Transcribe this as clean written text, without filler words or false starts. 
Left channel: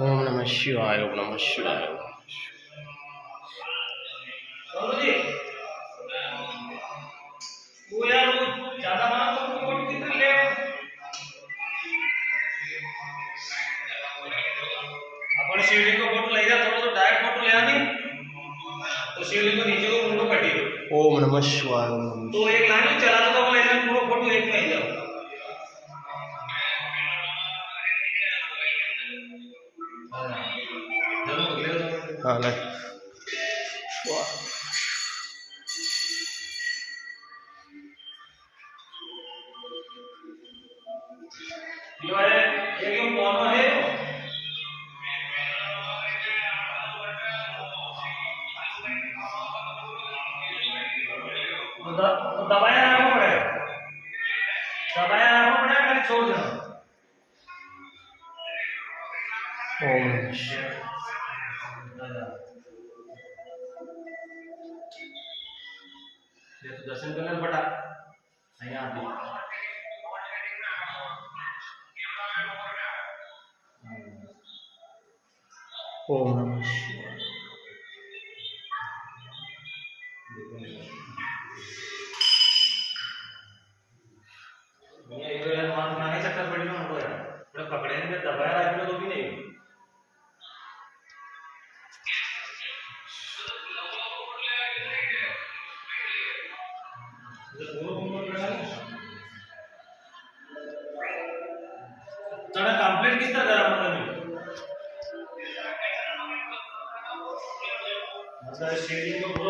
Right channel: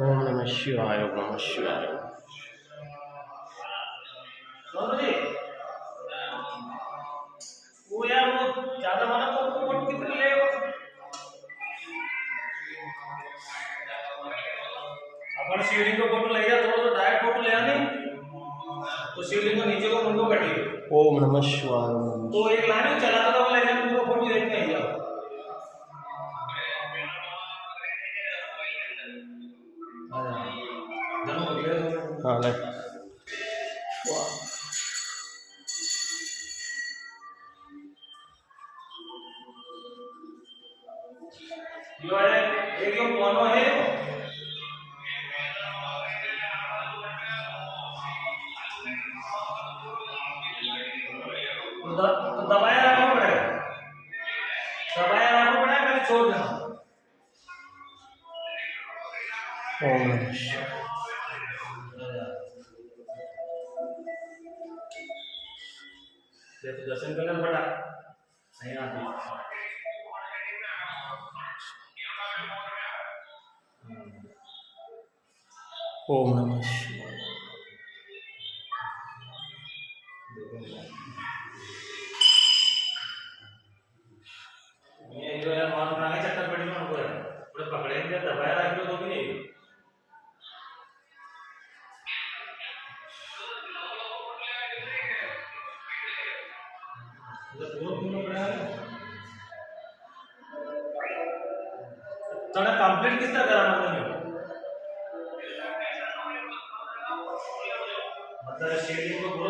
ओम नमः शिवाय ओम नमः शिवाय। सोनू जी वो यार वो ज्यादा माना फोटो कितनी ले अपन शिवलिंग को फोटो ले जा थोड़ा तो डायरेक्ट फोटो ले आनी तो शिवलिंग को नीचे को मुंडो कटी ओम नमः शिवाय ओम नमः तो एक लाइन चला तो ले जा पूरा फोटो एक नहीं जाओ जरूर अगले हाँ ले यो है एक यो कौन है तो दबाया रखना पड़ेगा फिर छोड़ देना ओम नमः शिवाय। ये तो दर्शन करना बड़ा नहीं आती ओम नमः शिवाय। ये एक यार मान बना के चक्कर पड़ी उनको यार बड़े पकड़े हैं दबाया रख लो तो भी नहीं तने कंप्लीट किस तरह करा मतलब शेडिंग को